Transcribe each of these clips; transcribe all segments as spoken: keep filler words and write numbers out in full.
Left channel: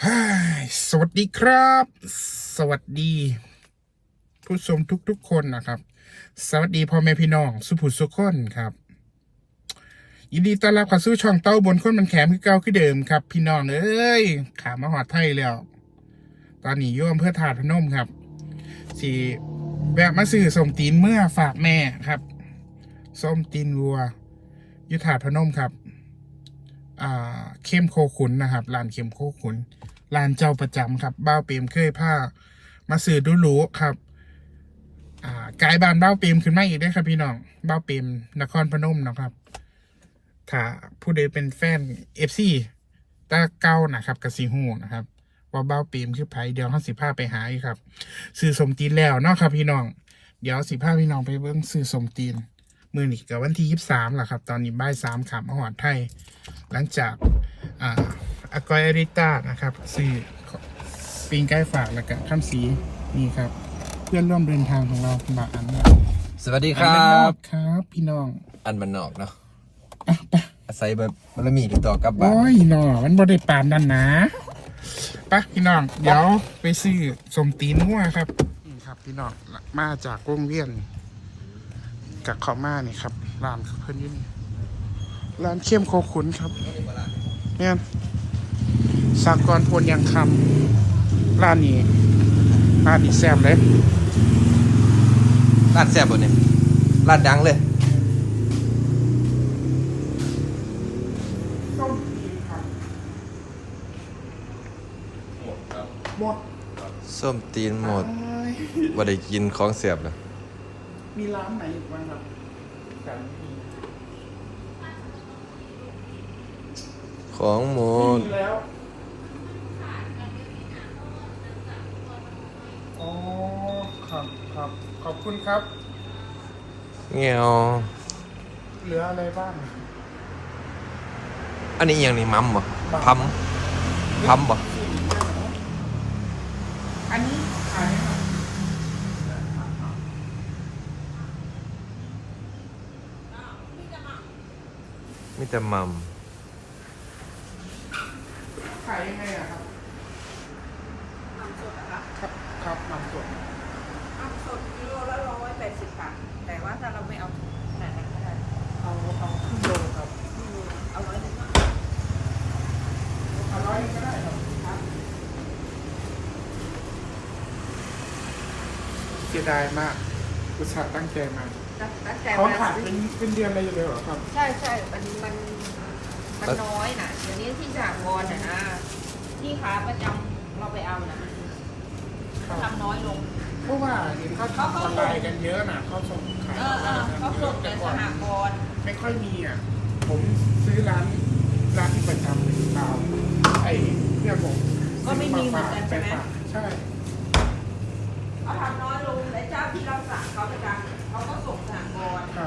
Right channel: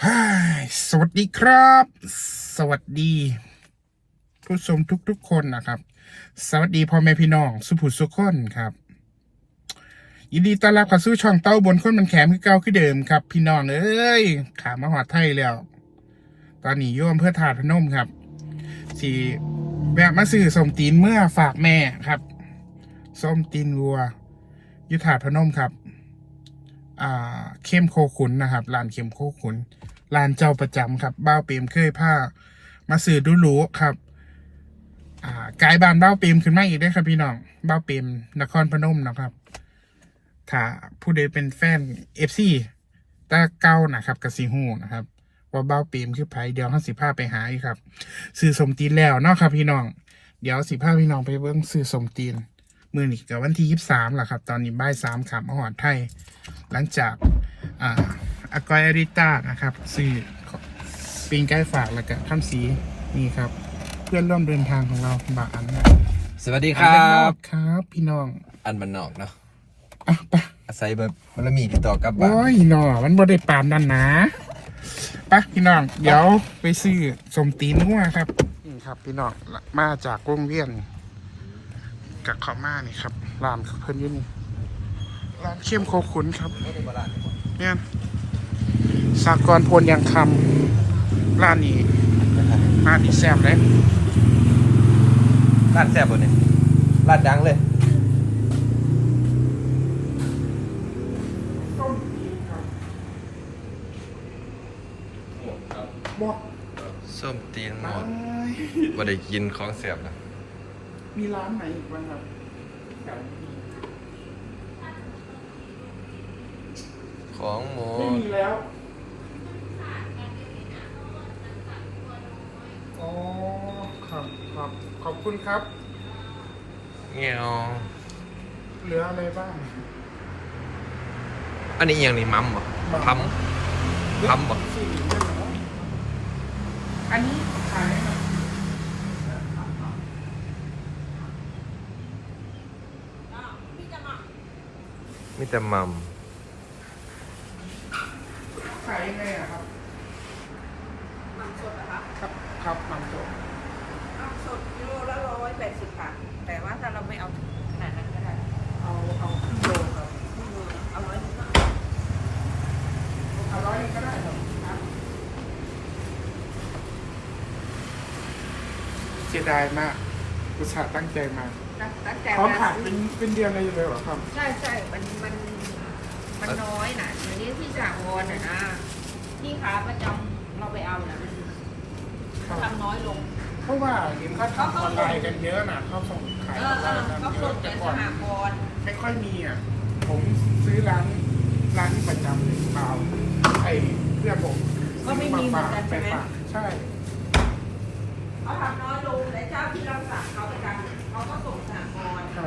ฮ่าสวัสดีครับ สวัสดีผู้ชมทุกๆคนนะครับ สวัสดีพ่อแม่พี่น้องสุภุสุขคนครับยินดีต้อนรับเข้าสู่ช่องเต้าบนคนมันแขมคือเก่าคือเดิมครับ พี่น้องเอ้ยขามาหอดไทยแล้ว ตอนนี้โยมเพื่อถาดพนมครับสีแวะมาซื้อส้มตีนเมื่อฝากแม่ครับส้มตีนวัวยุทธาพนมครับ อ่าเข้มโคขุนนะครับร้านเข้มโคขุนร้านเจ้าประจำครับบ้าวเปรมเคยผ้ามาสื่อดูรู้ครับอ่ากายบานบ้าวเปรมขึ้นมาอีกได้ครับพี่น้องบ้าวเปรมนครพนมนะครับถ้าผู้ใดเป็นแฟนเอฟซีตาเก้านะครับกสิฮูนะครับว่าบ้าวเปรมคือไผเดี๋ยวเขาสิพาไปหาอีกครับซื้อสมตีนแล้วเนาะครับพี่น้องเดี๋ยวสิพาพี่น้องไปเบิ่งซื้อสมตีนมือนี่กับวันที่ยี่สิบสามแหละครับตอนนี้บ่ายสามขามหอดไทยหลังจากอ่าอากอยอาริต้านะครับซื้อปิงใกล้ฝากแล้วก็ข้ามสีนี่ครับเพื่อนร่วมเดินทางของเราบาอันเนี่ยสวัสดีครับครับพี่น้องอันบันนอกเนาะอ่ะไปอาศัยแบบมันมีติดต่อกับบ้านโอ้ยน้อมันบ่ได้ปานนั่นนะไปพี่น้องเดี๋ยวไปซื้อสมตีนงัวครับนี่ครับพี่น้องมาจากโรงเรียนจากขอมานี่ครับร้านเพิ่นอยู่นี่ร้านเข้มโคขุนครับเนี่ยสากรณ์พลยังคำร้านนี้ร้านนี้แซ่บเลยร้านแซ่บกว่านี้ร้านดังเลยต้มตีนครับหมดส้มตีนหมดเอ้ยว่าได้กินของแซ่บเลยมีร้านไหนอีกบ้างครับกันของหมูไม่มีแล้วอ๋อครับครับขอบคุณครับเงี้ยวเหลืออะไรบ้างอันนี้อหย่างนี้มัมบ่พัมพัมบ่สี่เรื่องเหรออันนี้ขายไหมครับมีแต่มัมขายยังไงอะครับหม่ำสดนะคะครับครับหมันสดหม่ำสดกิโลละร้อยแปดสิบบาทแต่ว่าถ้าเราไม่เอาขนาดนั้นก็ได้เอาเอาครึ่งโลครับไม่รู้นะเอาร้อยหนึงก็เอาร้อยก็ได้ครับครับเสียดายมากอุตส่าห์ตั้งใจมาตั้งตั้งใจเขามาขายเป็นเป็นเดือนเลยเลยเหรอครับใช่ใช่มันมันมันน้อยนะทีนี้ที่สหกรณ์น่ะนะที่ค้าประจำเราไปเอาน่ะมันครับทำน้อยลงเพราะว่าเห็นเขาทำออนไลน์กันเยอะนะเขาส่งขายเออออนเอไลอน์กันเขาเยส่อะงแต่แต่ก่สอนหกรณ์ไม่ค่อยมีอ่ะผมซื้อร้านร้านประจำเปล่าไอ้เพื่อนผมก็ไม่มีเหมือนกันไปใช่ไหมฝากใช่เขาทำน้อยลงแต่เจ้าที่เราสั่งเขาประจำเขาก็ส่งสหกรณ์ครับ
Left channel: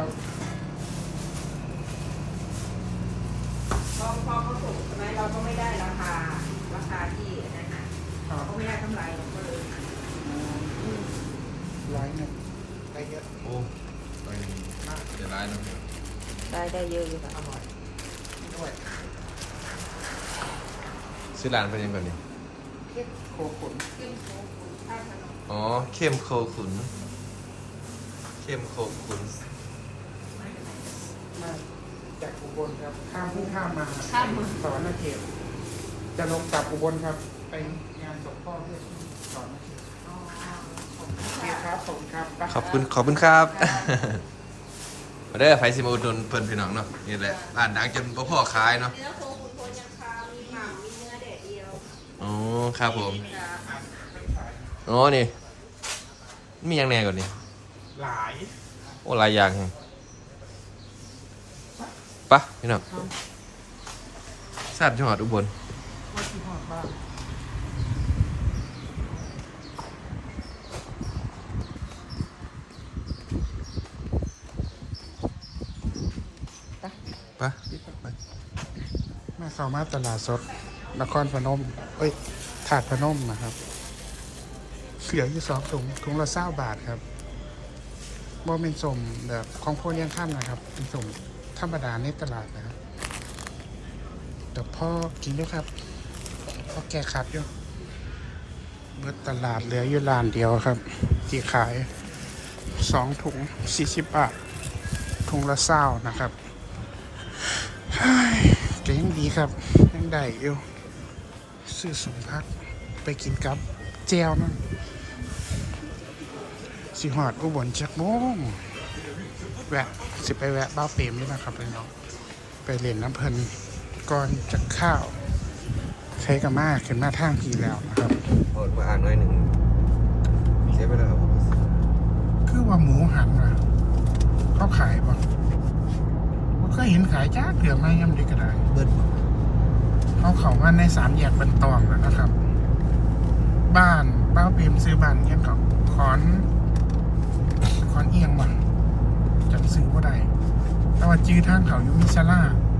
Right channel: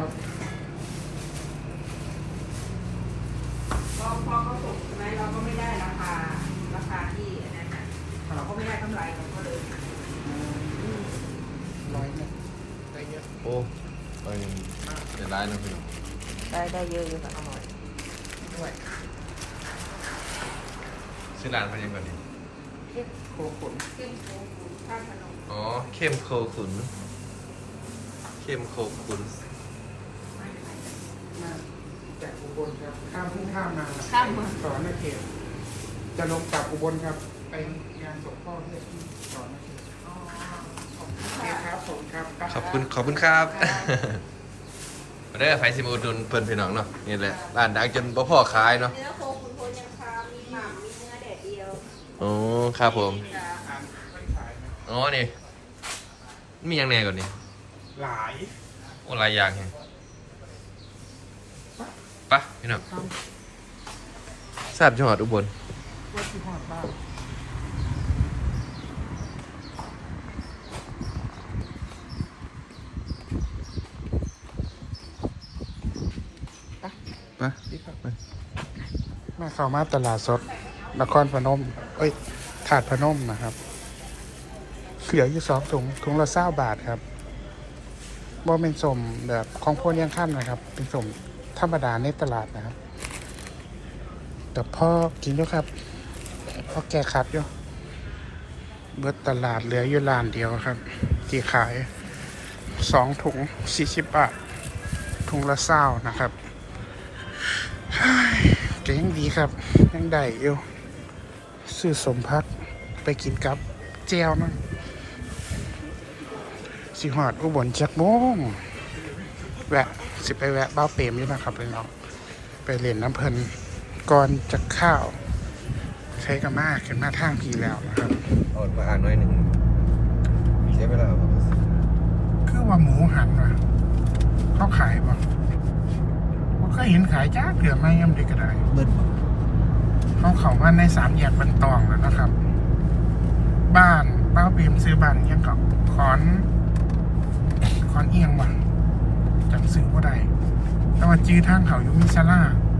พอพอเขาส่งใช่ไหมเราก็ไม่ได้ราคาราคาที่นั่นน่ะครัเราบก็ไม่ได้กำไรเราก็เลยอืมร้านเนี่ยได้เยอะโอ้อันนี้จะได้นะพี่ได้ได้เยอะอยู่ค่ะอร่อยด้วยชื่อร้านเป็นยังไงนี่เค้กโคขุนขึ้นโค้งข้าวขนมอ๋อเข้มโคขุนเข้มโคขุนมาจากอุบลครับข้ามพุ่งข้ามมาข้ามมาสอนนาเขตจะลงกลับอุบลครับไปงานศพพ่อเพื่อนที่สอนนาเขตอ๋อขอบคุโอณเคค่ะครับผมครับไปขอบคุณขอบคุณครับมาได้อไฟซิมาอุดหนุนเพิ่นพี่น้องเนาะนี่แหละร้านดังจนบ่พอขายเนาะเนื้อโคคุณโทยังคามีหม่ำมีเนื้อแดดเดียวอ๋อครับผมจ้ะอ๋อนี่มีอย่างแหน่ก่อนนี่หลายโอ้หลายอย่างไงปะพี่น้องครับทราบจังหวัดอุบลว่าที่หอดบ้างไปปะพี่ครับไปมาเข้ามาตลาดสดนครพนมเอ้ยถาดพนมนะครับเสืออยู่สองถุงถุงละเศร้าบาทครับบ่เป็นสมแบบของพวกเลี้ยงข้ามนะครับ เป็นสมธรรมดาในตลาดนะครับ แต่พ่อกินด้วยครับราะแกขัดอยู่เบิดตลาดเหลืออยู่ร้านเดียวครับที่ขายสองถุงสี่สิบบาทถุงละเศร้านะครับก็ยังดีครับยังได้อยู่ซื้อสมพักไปกินกับเจียวนั่นสิหอดอุบลจักโมงแวะสิไปแวะบ้าวเปรมนี่นะครับพี่น้องไปเล่นน้ำเพลินก่อนจะข้าวใช้กับมากขึ้นมาทางพีแล้วนะครับเอามาอ่านหน่อยหนึ่งเสียไปแล้วครับคือว่าหมูหันว่ะเขาขายป่ะว่าเคยเห็นขายจ้าเกือบไม่ย่ำเด็กกระไดเบิดเขาเขาว่าในสามแยกบันตองแล้วนะครับ บ้านบ้าวเปรมซื้อบ้านยังกับขอนขอนเอียงว่ะจำซื้อว่าใดแต่ว่าจื้อทางเขาอยู่มิซาร่า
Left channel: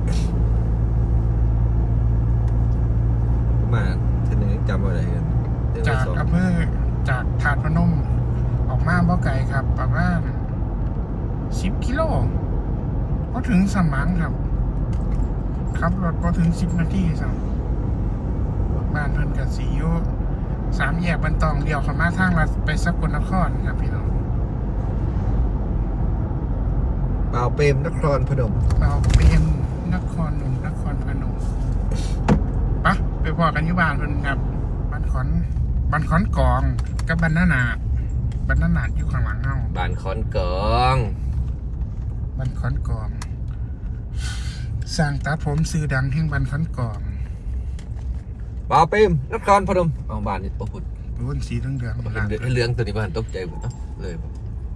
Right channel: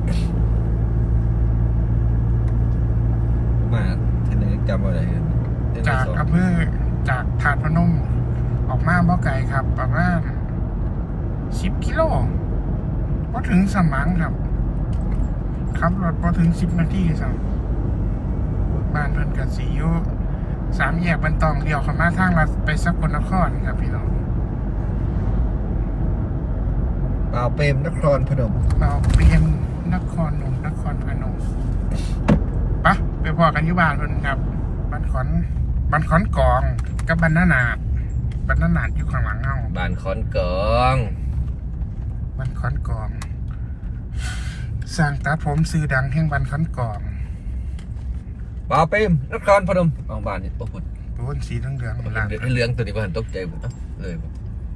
มาทีนึงจำอะไรจากอำเภอจากถาดพนม ออกมาบ่ไกลครับ ประมาณสิบกิโลพอถึงสมังครับขับรถพอถึงสิบนาทีสั่งบ้านเพิ่นกับสีอยู่สามแยกบันตองเดียวเข้ามาทางลัดไปสกลนครครับพี่น้องเอาเปรมนครพนมเราเป็นนครหนุ่มนครพนมปะไปพอกันอยู่บ้านเพิ่นครับบ้านขอนบ้านขอนกองกับบ้านนานาดบ้านนานาดอยู่ข้างหลังเฮาบ้านขอนกองบ้านขอนกองสร้างตัดผมซื้อดังแห่งบ้านขอนกองเอาเปรมนครพนมเอาบ้านนี่โอ้โหโอ้นสีเหลืองเหลืองเหหลังลืองตัวนี้บ้านตกใจผมเลยผม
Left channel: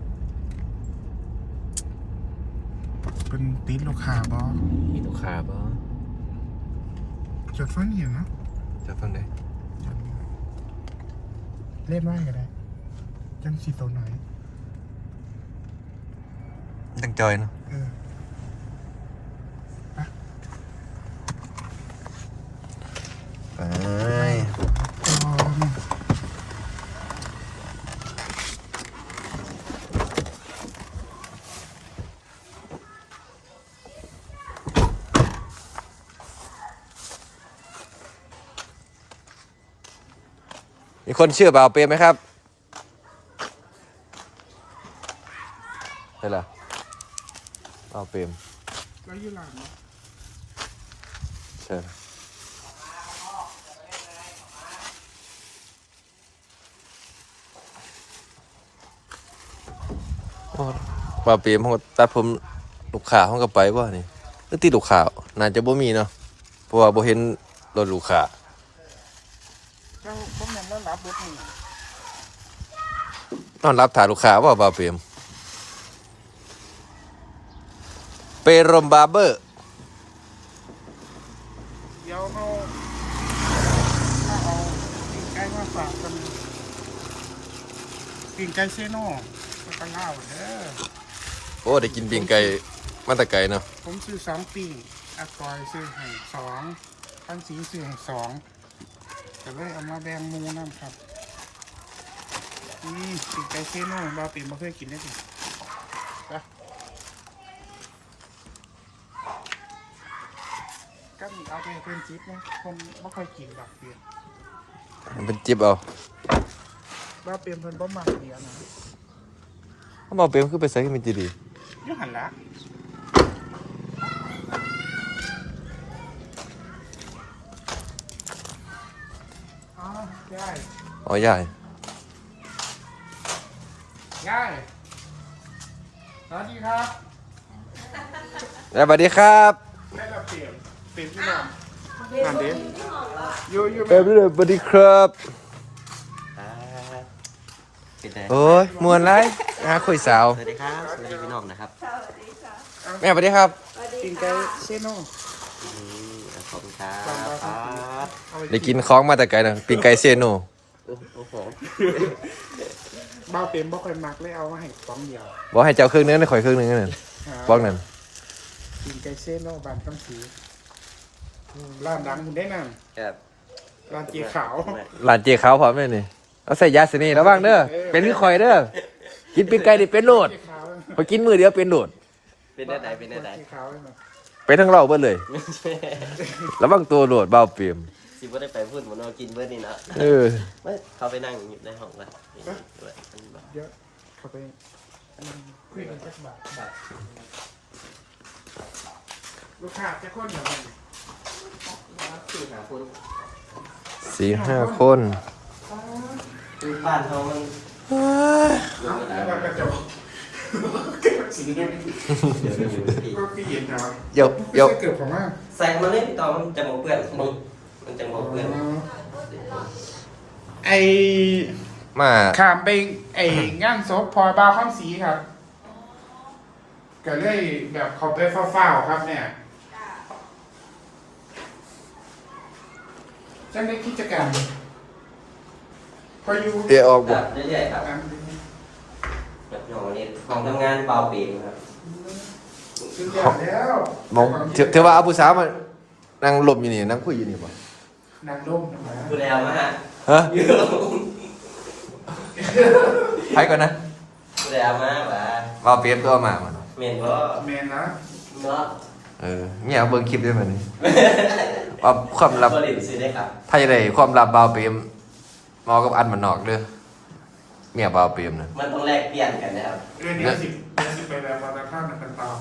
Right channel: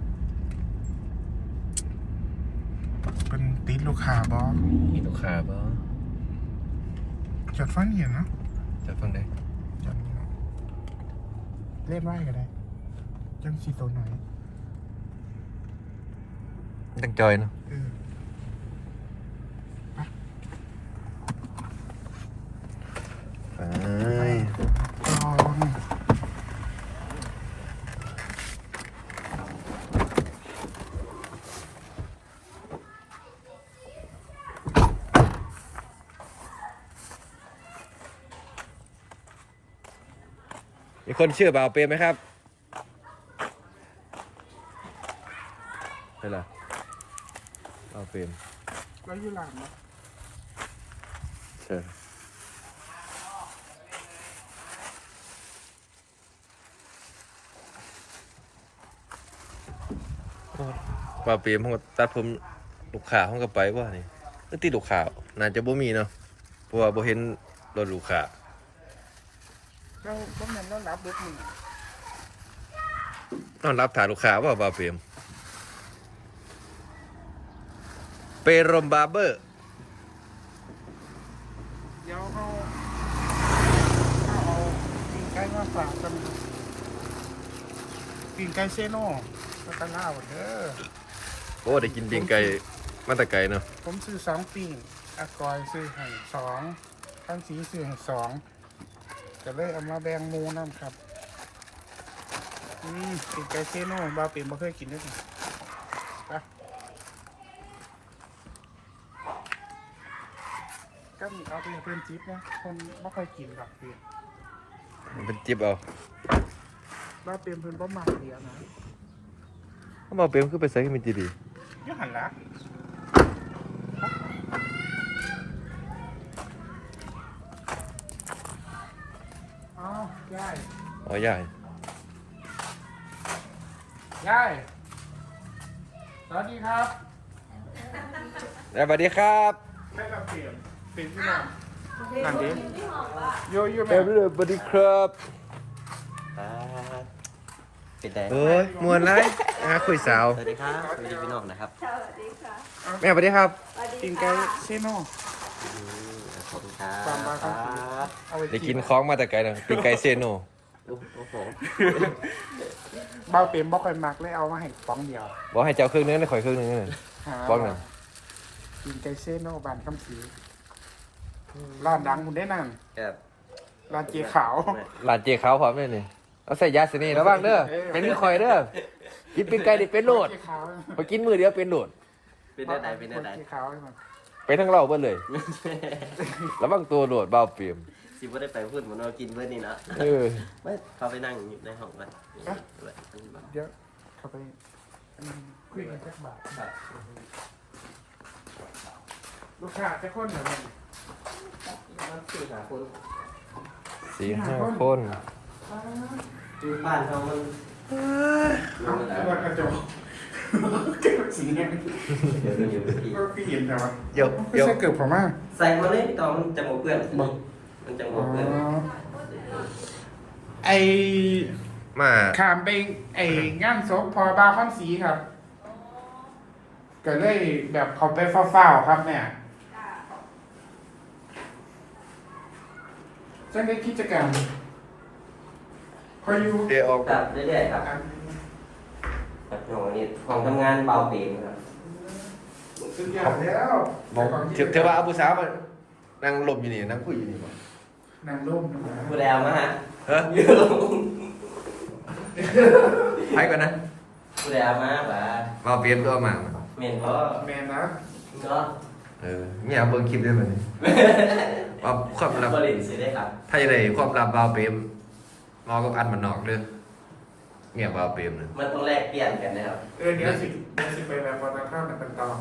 เป็นติดลูกค้าบอมีลูกค้าป่ะจดฟังอยู่เนาะจะฟังได้จดเล่นไว้ก็ได้จังสีตัวหน่อยตั้งจอยเนาะเออไปอ๋อมีคนเชื่อบ่าวเปรมไหมครับใช่หรอบ่าวเปรมแล้วอยู่หลังเนาะใช่บ่าวเปรมเขาตัดผมลูกค้าเขาก็ไปบ่นี่หรือตีลูกค้าน่าจะบ่มีเนาะเพราะว่าบ่เห็นรถลูกค้าเราบ่แม่นแล้วรับบทมือนอนรับถ่ายลูกค้าว่าบ่าวเปรมเปรมบาร์เบอร์เดี๋ยวเขาเขาเอาปิ่งไก่มาฝากกันปิ่งไก่เซโน่แล้วก็ล่าวเด้อโอ้ได้กินปิ้งไก่มาแตะไก่เนาะผมซื้อสองปิ่งอากอยซื้อให้สองพันสีซื้อให้สองก็เลยเอามาแบ่งหมูน้ำครับอืมปิ่งไก่เซโน่บาเป็นบ่เคยกินได้ดิไปก็มีเอาไปเป็นจิ๊บนะคนไม่ค่อยกินดอกเบี้ยมันเป็นจิ๊บเอาว่าเป็นเพิ่นบ่มักเดียวนะถ้าบ่าวเปรมคือไปใส่ขึ้นเป็นจีดีอยู่หันละอ้าวยายอ๋อยายยายสวัสดีครับสวัสดีครับแม่ละเปลี่ยนเป็นพี่น้องทำดิอยู่อยู่เปรแม่มสวัสดีครับเป็นไงโอ้ยมวนไรนะคุยสาวสวัสดีครับ สวัสดีพี่น้องนะครับแม่สวัสดีครับกินไก่เซโน่ขอบคุณครับฟังมาคครัรับบ เอาไปได้กินของมาแต่ไก่นะปิ้งไก่เซโนโอ้โอ้โหเบาเต็มบ่ค่อยมักเลยเอามาให้ฟองเดียวบอกให้เจ้าเครื่องนึงได้ข่อยเครื่องนึงนั่นหาฟ้องนั่นกินไก่เซโน่บานคำสีร้านดังคุณได้นั่งแอบร้านเจีขาวหลานเจ๊ขาวพร้อมแม่นี่เอาใส่ยาสนี่ระวังเด้อเป็นคือข่อยเด้อกินปิ้งไก่ดิเป็นโหลดเจีขาวพอกินมือเดียวเป็นโหลดเป็นได้ไหนเป็นได้ไหนเจีขาวให้มันไปทั้งเราเบิดเลยระวังตัวโหลดเบาเปรียมเสิบ่ได้ไปพูดหมดเนาะกินเบิดนี่เนาะเออเว้ยเขาไปนั่งอยู่ในห้องกันเดี๋ยวเข้าไปคุยกันสักบาทลูกค้าจะคนเหรอมันสี่หาคนสี่ห้าคนบ้านเขามันเอามากระจกเก็บสีนี้เดี๋ยวอยู่ที่ก็พี่เห็นแต่ว่าเดี๋ยวไม่เดี๋ยวใช่เกือบผมมากใส่มาเลยตอนมันจะหมเพื่อนนี่มันจะหมเพื่อนไอมาขามไปไอ้งานศพพอบาวข้ามสีครับก็เลยแบบเขาไปเฝ้าๆครับเนี่ยจังได้กิจกรรมพออยู่เดี๋ยวออกครับเรื่อยๆครับแบบน้องวันนี้ของทำงานเบาเปลี่ยนครับสุดยอดแล้วมองเถือเถือว่าเอาผู้สาวมานั่งหลบอยู่นี่นั่งคุยอยู่นี่ป่ะนางร่มนะผู้แล้วนะฮะฮะอยู่ไปก่อนนะผู้แล้วมาบ่าว่าเปรียบตัวมามันเมนก็แมนนะเนาะเออเนี่ยเอาเบิ่งคลิปด้วยมันว่าความลับก็เล่นซื้อได้ครับไพ่เลยความลับบาวเปรียมมอกับอันมันนอกเด้อเมียบาวเปรียมนะมันต้องแลกเปลี่ยนกันนะครับเออเดี๋ยวสิเดี๋ยวสิไปแบบวันตะข้ามกันต่อ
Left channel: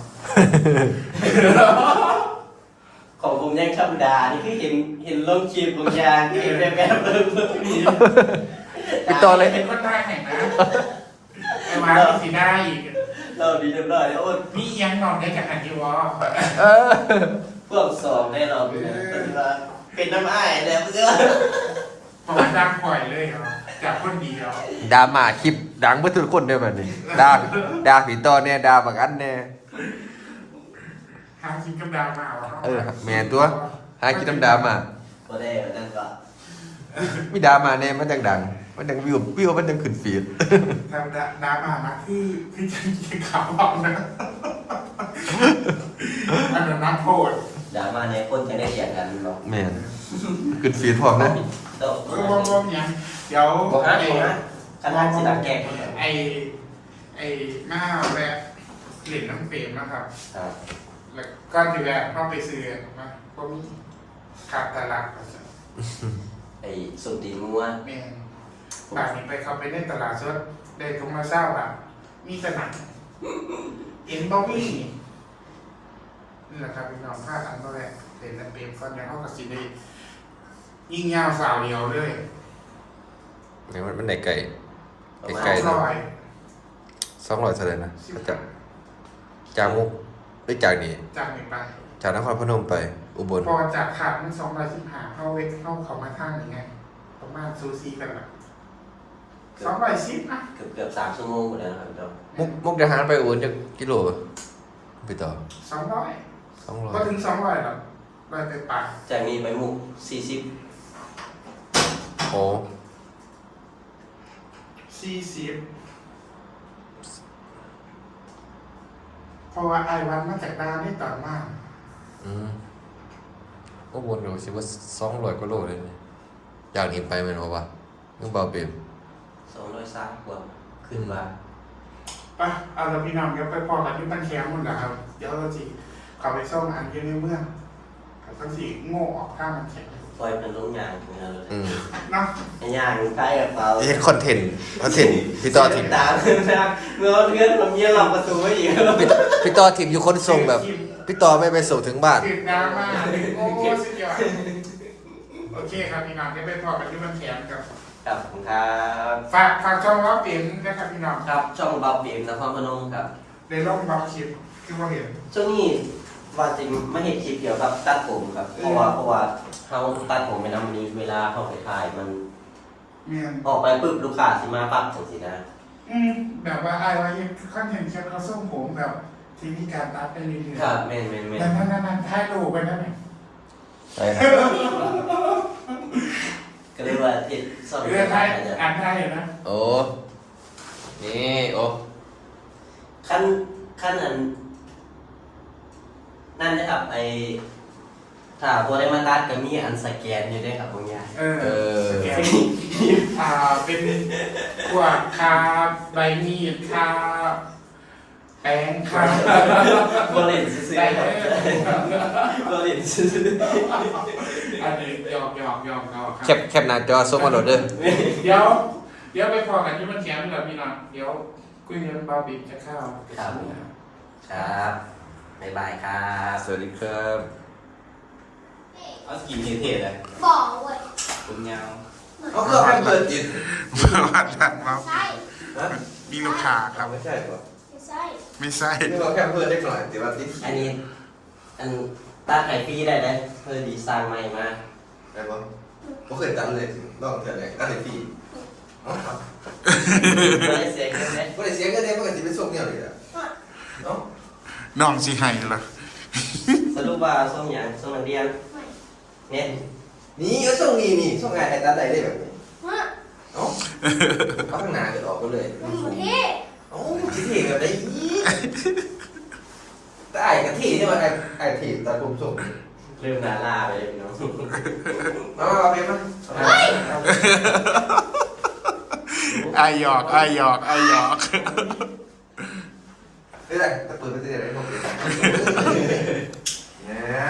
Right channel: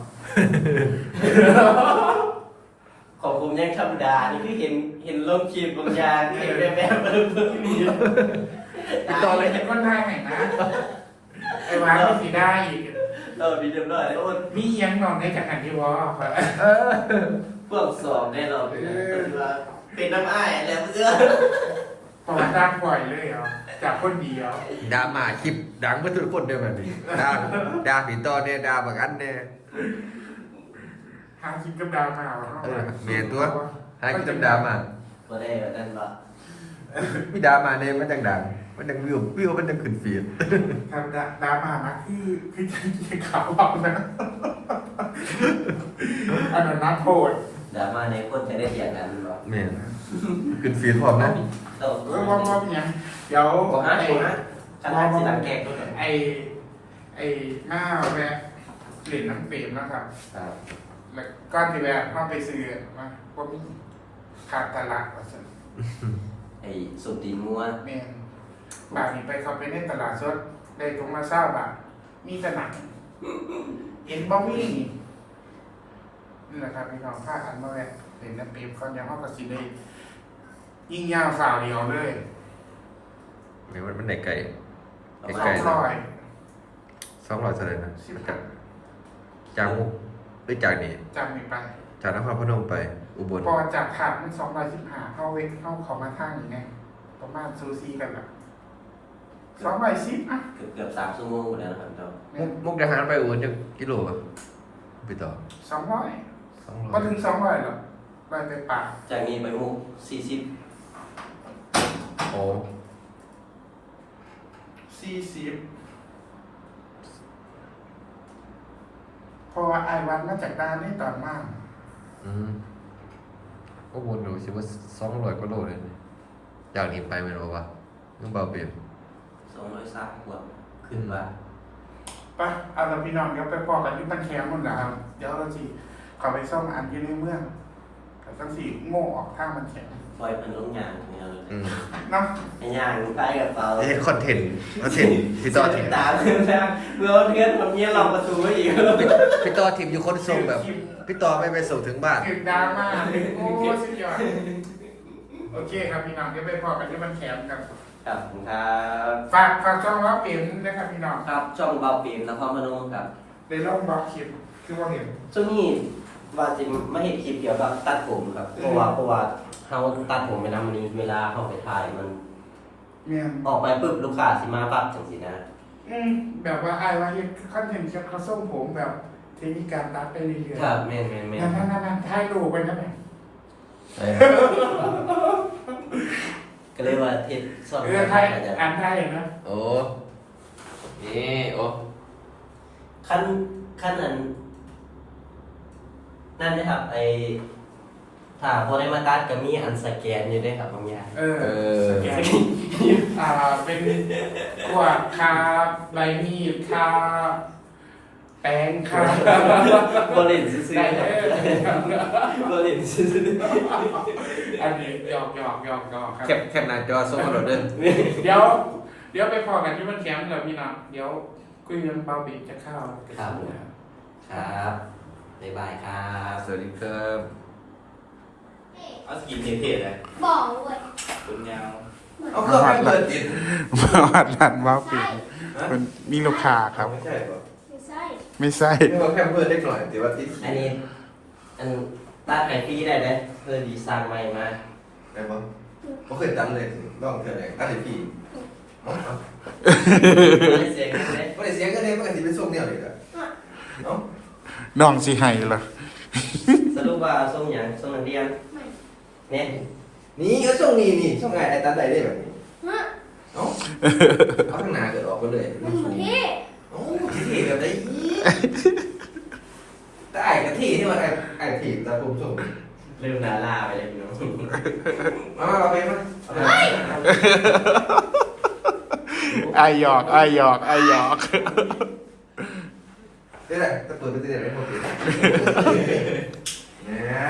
ของผมยังธรรมดานี่คือเห็นเห็นลงคลิปบางอย่างที่แบบแบบเบิ่งๆมีพี่ต่อเลยเป็นคนไทยไหนนะไอ้หวานนี่สิได้อีกเออมีเรียบร้อยแล้วโอ้ยมีเอียังนอนในจากอันที่วอเออพวกสองได้เราเป็นน้ำอ้ายแล้วเพื่อนประวัติดังปล่อยเลยเหรอจากคนเดียวดามาคลิปดังเพื่อทุกคนได้แบบนี้ดาดาผีต่อเนี่ยดาบางอันเนี่ยหาคิดกับดาวมาเอาเออแม่นตัวหากินน้ำดามาพอได้นั่นว่ามีดามาเนี่ยมันดังดังมันดังวิววิวมันดังขึ้นฟีดทางดาวมามาคือคือจะกินขาวเอานะอันนั้นนักโทษดราม่าในคนจะได้เสียงกันหรอกแม่นขึ้นฟีดพร้อมนะเราเออมองมองเนี่ยเดี๋ยวบอกฮะไอ้บอกฮะขนาดสิดังแก่คนเดียวไอ้ไอ้หน้าแวะเหรียญน้ำเปรมนะครับครับแล้วก้อนที่แวะเข้าไปซื้อมาก็มีขาดตลาดก็สิไอ้สุดตีมัวเมนป่านนี้ไปเขาไปในตลาดสดได้ทงละเศร้าแบบมีสนักเอ็นบอมี่นี่แหละครับพี่น้องผ้าอันมาแวะเหรียญน้ำเปรมก้อนยังห้องกับสีได้ยิ่งยาวสาวเดียวเลยเนี่ยมันมันไหนไก่สอไก่งๆร้อยสองร้อยเท่าไหร่นะจากจากมุกไปจากนี่จากนี้ไปจากนครพนมไป อุบลพอจากขาดมันสองร้อยสิบห้าเข้าเวกเข้าเขามาทางยังไงประมาณซูซีกันแบบสองร้อยสิบอ่ะเกือบเกือบสามชั่วโมงแล้วนะครับจอมุกมุกดาหารไปอุบลจากกิโลป่ะไปต่อสองร้อยสองร้อยก็ถึงสองร้อยหรอกร้อยไปปากจากนี้ไปมุกสี่สิบโอ้สี่สิบเพราะว่าไอ้วันมาจากดานนี่ตอนมากอืมอุบลดูสิว่าสองร้อยกว่าโลเลยนี่อยากเห็นไปไหมเนาะวะนึกเบาเปลี่ยนสองร้อยสามกว่าขึ้นมาปะเอาเราพี่น้องเดี๋ยวไปพอกันที่บ้านแคมป์หมดแล้วเดี๋ยวเราสิขอไปซ่อมอันอยู่ในเมืองเขาต้องสิโง่ออกท่ามันแข็งปล่อยเป็นต้นยางของเราเลยอืมเนาะไอ้ยางใกล้กับเราเฮ็ดคอนเทนต์คอนเทนต์พี่ต่อทีมตามเพื่อนนะเมื่อเพื่อนผมเยี่ยมเราประตูไว้อีกพี่ต่อทีมอยู่คนส่งแบบ พี่ต่อไม่ไปส่งถึงบ้านติดดราม่าโอ้สุดยอดโอเคครับพี่น้องเดี๋ยวไปพอกันที่บ้านแคมป์ครับครับผมครับฝากฝากช่องรับเปลี่ยนนะครับพี่น้องครับช่องบาบีมนครพนมครับในร่องบล็อกคลิปคือว่าเห็นช่วงนี้ว่าจริงไม่เห็นคลิปเกี่ยวกับตัดผมครับ เพราะว่าเพราะว่าเขาตัดผมไปนำนี้เวลาเขาไปถ่ายมันเมียนออกไปปุ๊บลูกค้าสิมาปั๊บจังสินะอืมแบบว่าไอ้ว่าคอนเทนต์เกี่ยวกับส้มผมแบบเทคนิคการตัดไปเรื่อยๆครับแม่นแม่นแม่นนั่นนั่นนั่นถ่ายรูปไปนั่นเองใช่ครับก็เลยว่าเฮ็ดซ่อมเออถ่ายอ่านถ่ายนะโอ้ นี่โอ้ขั้นขั้นนั้นนั่นนะครับไอถ้าพอได้มาตัดก็มีอันสแกนอยู่ด้วยครับบางอย่างเออเออแกนอ่าเป็นขวดคาใบมีดคาแป้งคาโบเลนซื้อได้ๆเลยโบเลนซื้ออันนี้หยอกหยอกหยอกหยอกครัแคปแคปหน้าจอส่งมาโหลดเด้อเดี๋ยว เดี๋ยวไปพอกันที่มันแคมป์เลยพี่น้องเดี๋ยวคุยเรื่องบาร์บีจะเข้าครับผมครับบ๊ายบายครับสวัสดีครับเอาสกินเท่ๆเลยบอกเว้ยตึงยาวเอาเครื่องแเปิดกินมาวัดร้านบาร์บีมันมีลูกค้าครับไม่ใช่ป่ะไม่ใช่ไม่ใช่นี่เราแค่เพิ่มได้หน่อยแต่ว่าติดอันนี้อันตัดไข่ฟรีได้ไหมเพื่อดีไซน์ใหม่มาไปบ้างก็เคยตัดเลยลองเถอะเนี่ยตัดเลยพี่ไม่ได้เสียงไหมก็ได้เสียงกันเลยปกติเป็นส่งเนี่ยเลยอ่ะเนาะน้องสิให้เหรอสรุปว่าส้มอย่างส้มเรียนไม่เน็ตนี่ก็ส่งนี่นี่ส่งไงไอ้ตัดได้เลยแบบนี้ฮะเนาะเอาข้างหน้าเกิดออกก็เลยมันอยู่ที่โอ้ที่ที่กับได้ยี่แต่ไอ้กะทิที่มันไอ้ไอ้ที่ตัดผมส่งเริ่มนาลาไปเลยเนาะเอาเอาไปมั้ยไอหยอกไอหยอกไอหยอกนี่แหละจะเปิดไปที่ไหนพวกนี้เนี่ย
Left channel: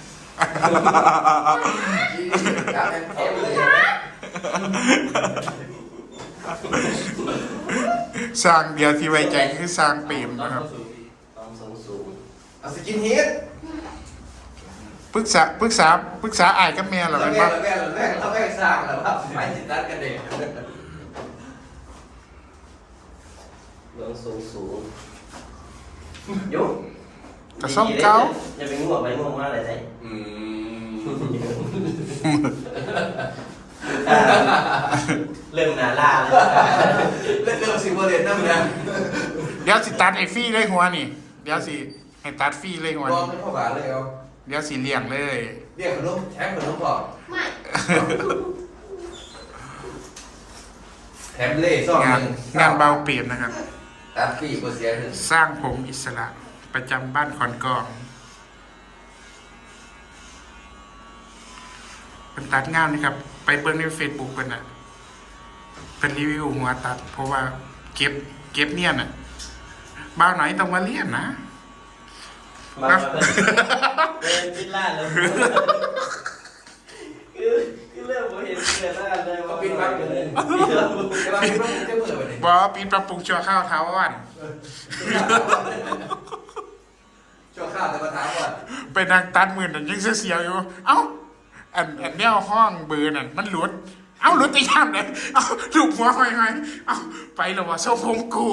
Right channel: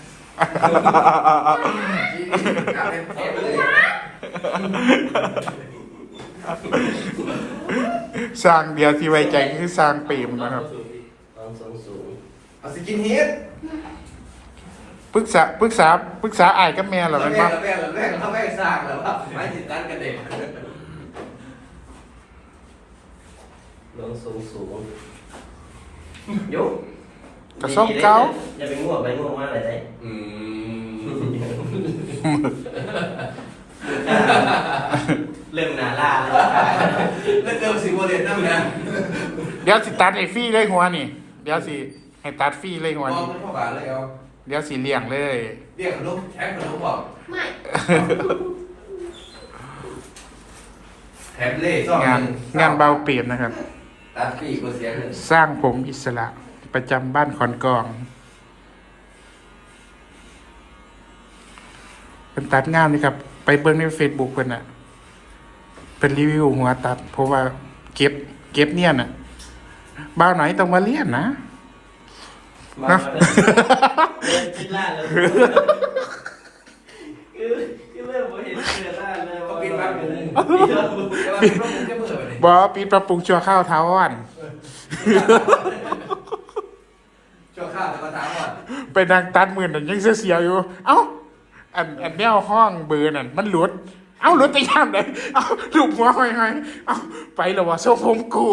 สร้างเดียวที่ไว้ใจคือสร้างปีมนะครับความสูงสูงเอาสกินเฮดปรึกษาปรึกษาปรึกษาไอ้ายกับแม่เหรอแรเป็นกปะแรกแรกเขาไม่ไปสร้างแล้วครับไม่ติดตั้งกันเองลงสูงสูงยกกระซ่อมเก้าอย่าไปง่วงไปง่วงมากเลยได้อืมเริ่มนาลาแล้วเล่นเริ่มสิบโมเดลนั่นนะเดี๋ยวสิตัดไอ้ฟรี่เลยหัวนี่ เดี๋ยวสิให้ตัดฟรี่เลยหัวบอลนี่เป็นพ่อบาเลยเอาเดี๋ยวสิเลี้ยงเลยเรียกขนมแท็กขนมบอกไม่แถมเล่ซ่อมงานงานเบาเปรียบนะครับตัดปีกเสียงหนึ่งสร้างผมอิสระประจำบ้านขอนกองเป็นตัดงานนี่ครับ ไปเบิ่งในเฟซบุ๊กเพิ่นน่ะเป็นรีวิวหัวตัด เพราะว่าเก็บ เก็บเนี่ยน่ะบ้าวไหนต้องมาเรียนนะมาเดินจิตล่าเลยคือคือเริ่มผมเห็นเกิดล่าเลยก็ว่าปิปิดดไปไปเลเลย ยแต่ว่าปิดไปจะเปิดไปเลยบอปิดปรับปรุงชั่วข้าวเท้าอ่อนช่วงข้าวจะมาถามว่าไปนางตัดหมื่นนั่นยังเสียวๆอยู่ เอ้า อันอันแนวห้องเบอร์นั่นมันหลุด เอ้าหลุดไปย่ำเลยเอ้าลูกหัวหอยๆเอ้าไปแล้ววะโซ่ผมกู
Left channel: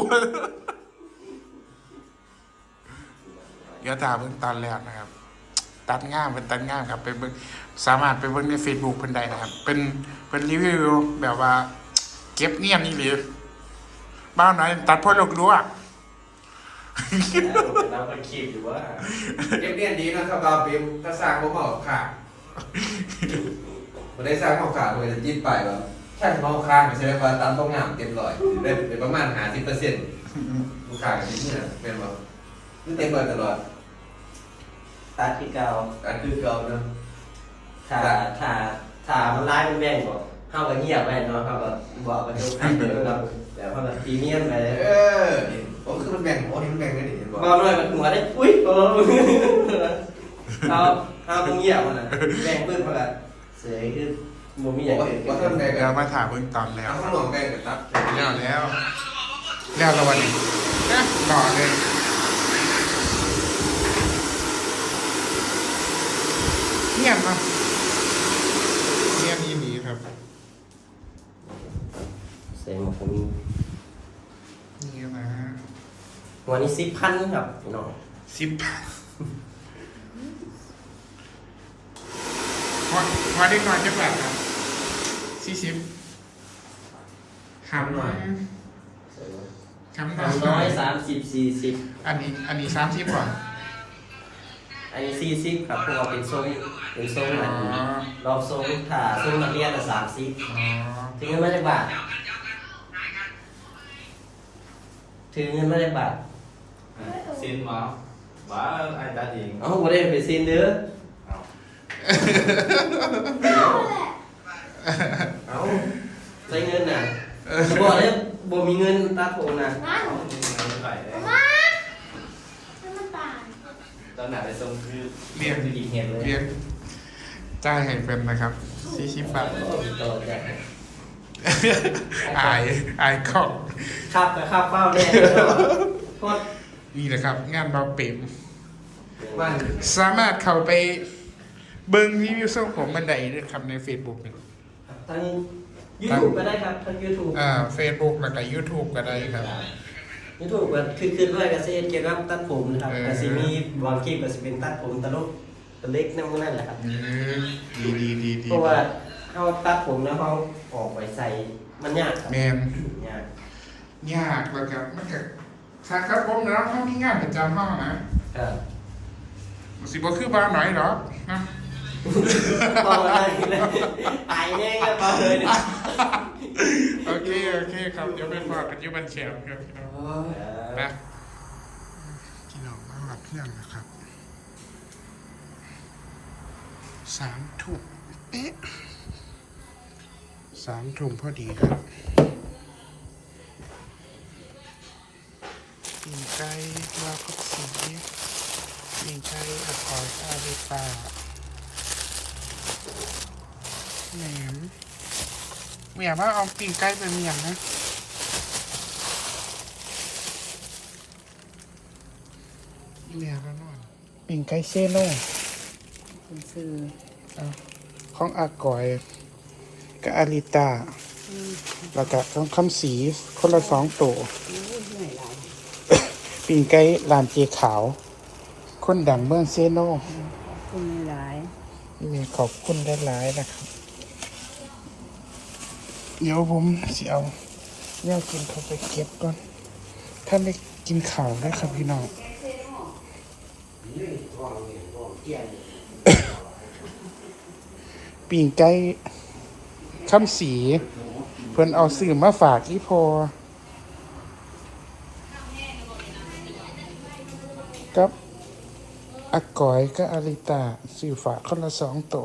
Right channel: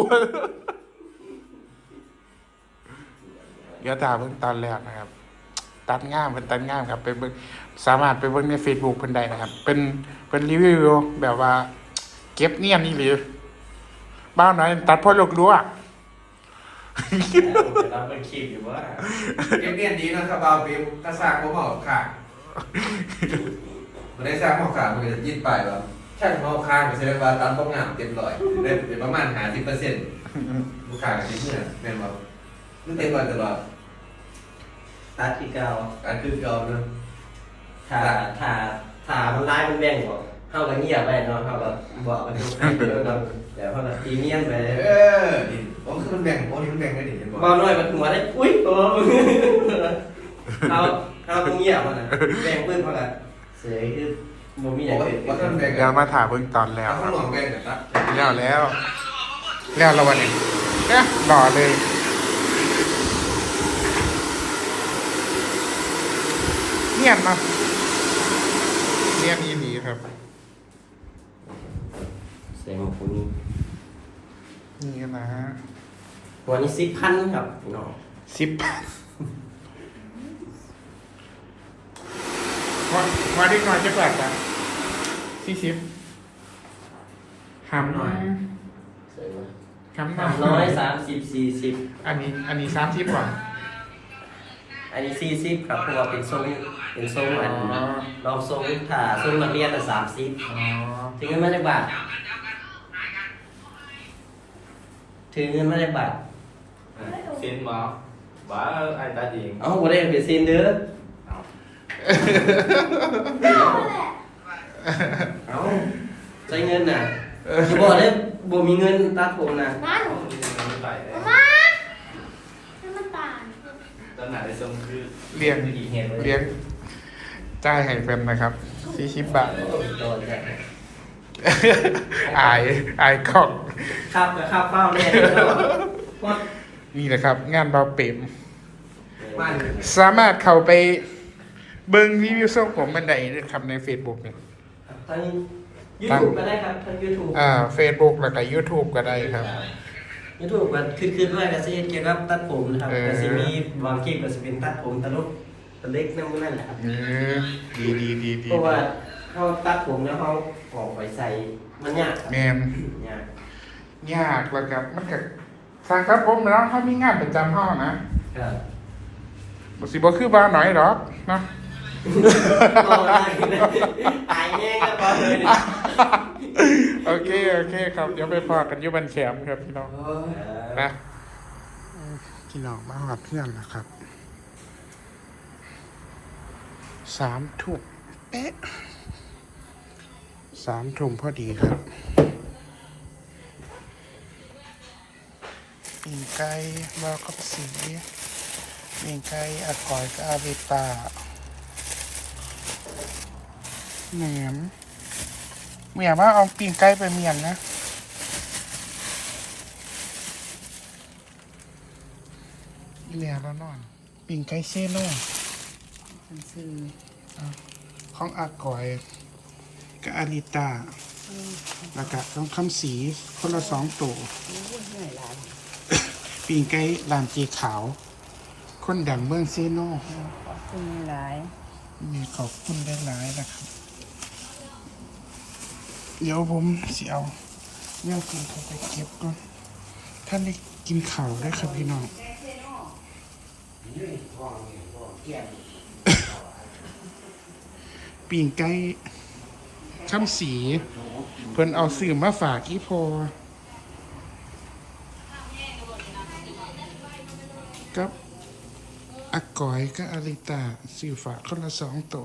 เดี๋ยวตาเบิ่งตอนแรกนะครับ ตัดง่ามเป็นตัดง่ามครับไปเบิ่งสามารถไปเบิ่งใน Facebook เพิ่นได้นะครับ เป็นเป็นรีวิวแบบว่า เก็บเนียนนี่หรือบ้านไหนตัดพ่อลูกลวกเราเป็นคลิปอยู่ว่าเก็บเรียนดีนะครับบาวฟิล์มถ้าสร้างก็เหมาะค่ะมันได้สร้างเหมาะค่ะมันจะยิดไปแบบช่างเหมาะค่ะก็แสดงว่าตามต้องงามเต็มร้อยได้เป็นประมาณหาสิบเปอร์เซ็นต์ลูกค้าที่เมื่อเป็นว่าคือเต็มร้อยตลอดตัดที่เก่าการคือเก่าเนาะถ้าถ้าถ้ามันร้ายมันแม่งก่อนเข้ากับเงียบไปเนาะเข้าแบบบอกกันทุกทีแล้วก็แต่เข้าแบบพรีเมียมไปเลยเออนี่ผมคือมันแบ่งผมนี่มันแบ่งได้ดิเห็นบอกบอลน้อยมันหัวได้อุ้ยโอ้เอาเอาตรงเงียบมันอ่ะแบ่งปื้มเขาละเสียคือบ่มีอผย่าม งว่าอื่นว่าท่านแบ่งเดี๋ยวมาถามเบิ่งตอนแล้วเอาคข้ารัวบหลวงแบ่งกันครับแล้วแล้ว แล้วละวันนี้เนี่ยหล่อเลย เงียบเนาะเงียบยี่หลีครับเสียงมันคงมีนี่นะฮะตัวนี้สิบพันครับพี่น้องสิบพันพอพอได้ก่อนจะเปิดครับสี่สิบหำหน่อยเสียงมันหำหน่สามร้ออย ยสามสิบสี่สิบอันนี้ อันนี้สามสิบก่อนอันนี้สี่สิบครับเพราะว่าเป็นทรงเป็นทรงอันอ๋อรอบทรงถ้าทรงนักเรียนแต่สามสิบอ๋อถึงเงินมาจากบาทถึงเงินมาจากบาทเส้นหมอว่าไอ้ตาดีเอ้าบ่ได้เป็นซีนเด้อเอาแหละเอ้าใช้เงินน่ะสิบอกเลยบ่มีเงินตัดผมน่ะนั่นใส่เอามาให้มันตายตอนไหนไปส่งคือเรียงดีเห็นเลี้ยงจ่ายให้เป็นนะครับสี่สิบบาทโดนเนี่ยอายอายกล้องขับกับขับเป้าเนี่ยเพราะนี่แหละครับ งานเบาเป๋มบ้านสามารถเข้าไปเบิ้งรีวิวส่งผมบันไดด้วยครับใน Facebook เนี่ยทางยูทูบก็ได้ครับทางยูทูบอ่า Facebook แล้วก็ YouTube ก็ได้ครับยูทูบก็คือคือด้วยก็สิเกี่ยวกับตัดผมนะครับเออก็สิมีบางคลิปก็สิเป็นตัดผมตลกตะเล็กนั่นนั่นแหละครับเออดีดีดีดีเพราะว่าเขาตัดผมแล้วเขาออกไปใส่มันยากครับแมนยากยากแล้วครับมันก็ทางครับผมแล้วเขามีงานประจำห้องนะครับ บ่สิบ่คือบ้านหน่อยหรอกนะพอได้ตายแน่ก็พอเลยเนี่ยโอเคโอเคครับ เดี๋ยวไปพอกันอยุบันแชมป์ครับพี่น้องนะพี่น้องมาหอดเพื่อนนะครับสามทุ่มเอ๊ะสามทุ่มพอดีครับปีนไก่วาวกับสีปีนไก่อากอยกับอาเวตาแหนมเมียว่าเอาปีนไก่ไปเมียนนะเมียแล้วนอนปีนไก่เซโน่ซื้อของอากอยกับอาริตาแล้วก็ของคำสีคนละสองตัวปีนไก่ลานเจขาว คนดังเมืองเซโน่คุณหลายนี่ขอบคุณได้หลายๆนะครับ เดี๋ยวผมสิเอาเนี่ยกินเขาไปเก็บก่อน ท่านได้กินข่าวได้วยครับพี่น้อง ปีงไก่คำสี เพิ่นเอาสื่อมาฝากอีพอกับอากอยกับอาริตาสื่อฝากคนละสองตัว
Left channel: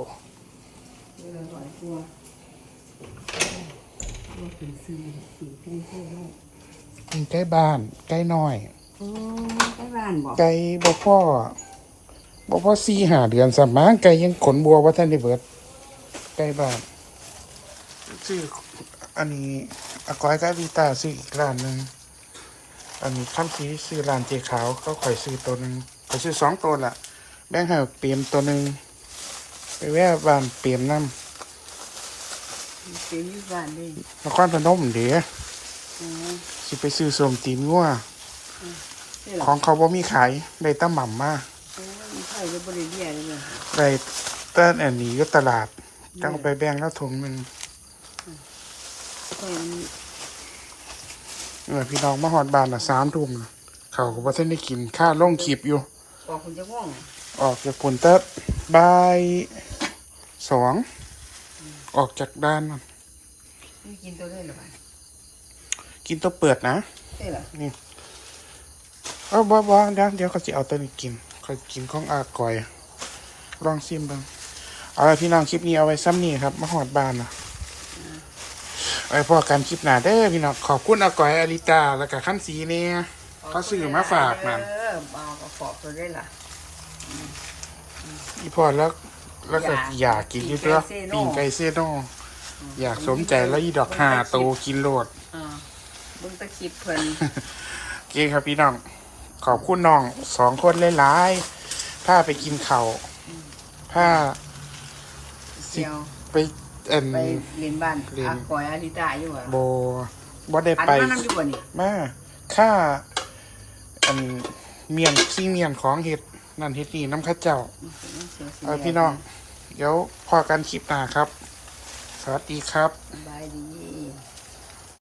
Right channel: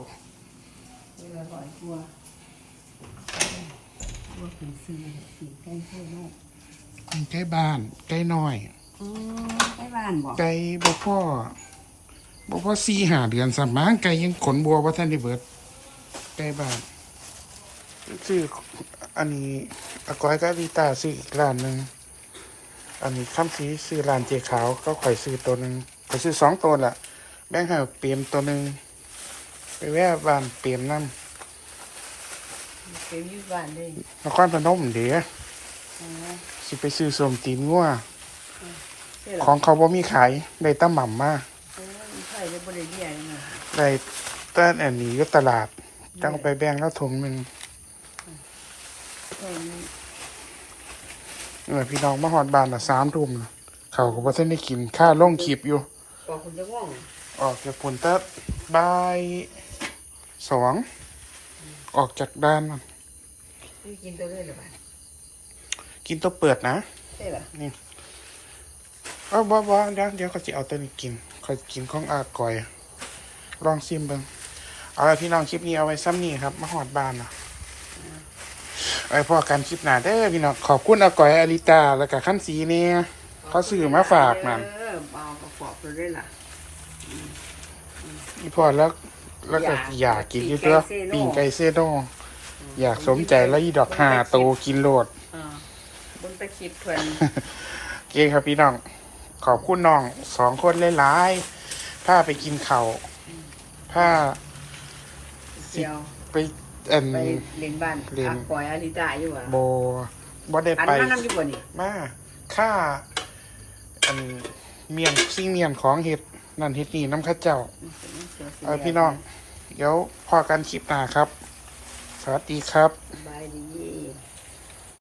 เป็นใกล้บ้านใกล้น้อยอืมใกล้บ้านบอกไก่บ่พ่อบ่พ่อสี่หาเดือนสามมั้งไก่ยังขนบัวว่าท่านได้เบิดไก่บ้านซื้ออันนี้อากอยกับอาริตาซื้ออีกร้านหนึ่งอันนี้คำสีซื้อร้านเจขาวก็ข่อยซื้อตัวหนึ่งข่อยซื้อสองตัวละแบ่งให้เปลี่ยนตัวหนึ่งไปแวะบ้านเปลี่ยนน้ำเสียอยู่บ้านเลยนครพนมเดี๋ยวสิไปซื้อส้มตีนงัวใช่หรอของเขาบ่มีขายได้แตั้หม่ำมาโอ้ยใช่เลยบริเวณเลยนะได้แต่อันนี้อยู่ตลาดจังเอาไปแบ่งแล้วถุงหนึ่งคนเมื่อพี่น้องมาหอดบ้านอ่ะสามทุ่มน่ะเขาก็บ่ทันได้กินข้าวลงคลิปอยู่บอกคุณจะง่วงออกจากปุ่นเต๊ะบ่ายสองออกจากบ้านน่ะไม่กินตัวเลยหรอกินตัวเปิดนะใช่หรอเออบ่บ่เดี๋ยวเดี๋ยวเขาจะเอาตัวนี้กินเขากินของอากอย ลองซิมเบ้างเอาละพี่น้องคลิปนี้เอาไว้ซ้ำนี่ครับมาหอดบ้านนะไอ้พอกันคลิปหน้าเด้อพี่น้องขอบคุณอากอยอาริตาแล้วก็ขั้นสีเนี่ยเขาซื้อมาฝากนั่นเออเอากระสอบตัวได้ล่ะอีพอแล้วแล้วก็อยากกินอยู่ตัวปิ่งไก่เซโน่อยากสมใจแล้วอีดอกหาโตกินโลดอ่าบนตะคิดเพิ่นโอเคครับพี่น้องขอบคุณน้องสองคนหลายๆถ้าไปกินข้าวถ้าเชียวไปอันไปเรียนบ้านอาปอยอาริตาอยู่อ่ะโบบ่ได้อันไปนั้นอยู่บ่นี่มาค่าอันเมียนขี้เมียนของเห็ดนั่นเห็ดนี่น้ำข้าเจ้าเออพี่น้อง เดี๋ยวพอกันคลิปหน้าครับ สวัสดีครับบายดี